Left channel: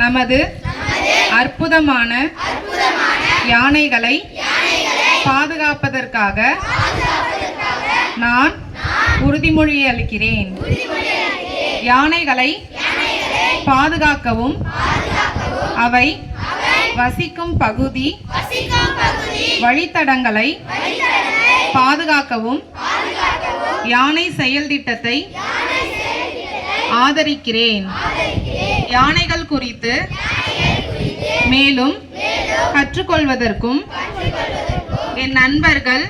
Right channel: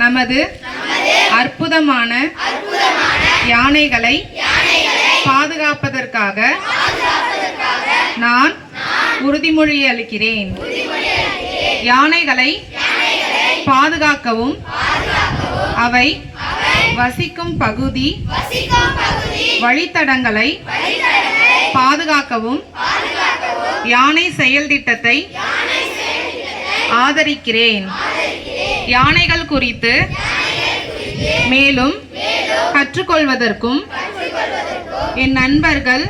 நமது அற்புதமான யானைகளை பாதுகாப்பதற்காக நான் உறுதிமொழி அளிக்கிறேன். யானைகளை பாதுகாக்கவும் அவை வசிக்கும் பகுதி வழித்தடங்களை பாதுகாக்கவும் யானை செயல் திட்டத்தை ஆதரிக்கிறேன். யானைகள் குறித்து மேலும் கற்றுக்கொள்வதற்கும் என் நண்பர்கள்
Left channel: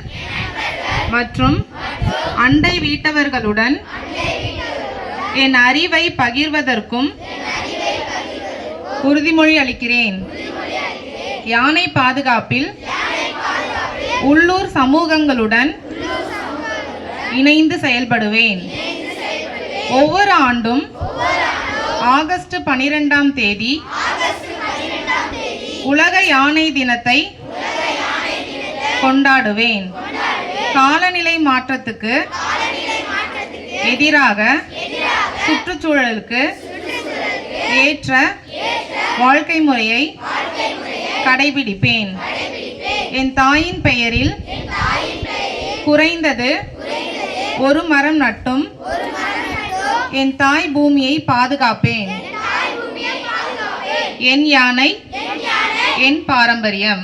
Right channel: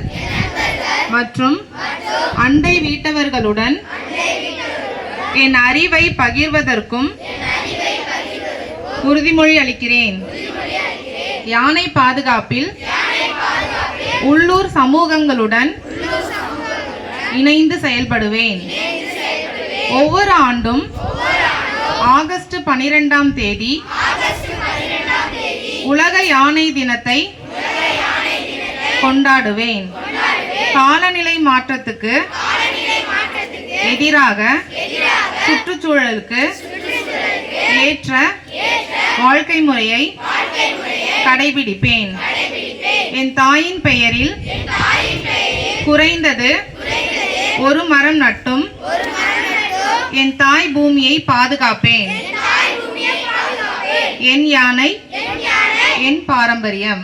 மற்றும் அண்டை வீட்டவர்களுடன் என் அறிவை பகிர்வதற்கும் உறுதிமொழி அளிக்கிறேன். யானை பாதுகாப்பில் உள்ளூர் சமூகங்களுடன் இணைந்து செயல்படுவேன். ஒவ்வொரு ஆண்டும் ஆகஸ்ட் 12ஆம் தேதி உலக யானை தினத்தை கொண்டாடுவேன். காலநிலை மாற்றத்துக்கு எதிராக சுற்றுச்சூழலுக்கு ஏற்ற வாழ்க்கை முறையை கடைபிடிப்பேன். என் தாயின் பெயரில் குறைந்தது ஒரு மரம் நட்டும் என் தாய் பூமியை பாதுகாப்பேன். என் யானை என் பாரம்பரியம்.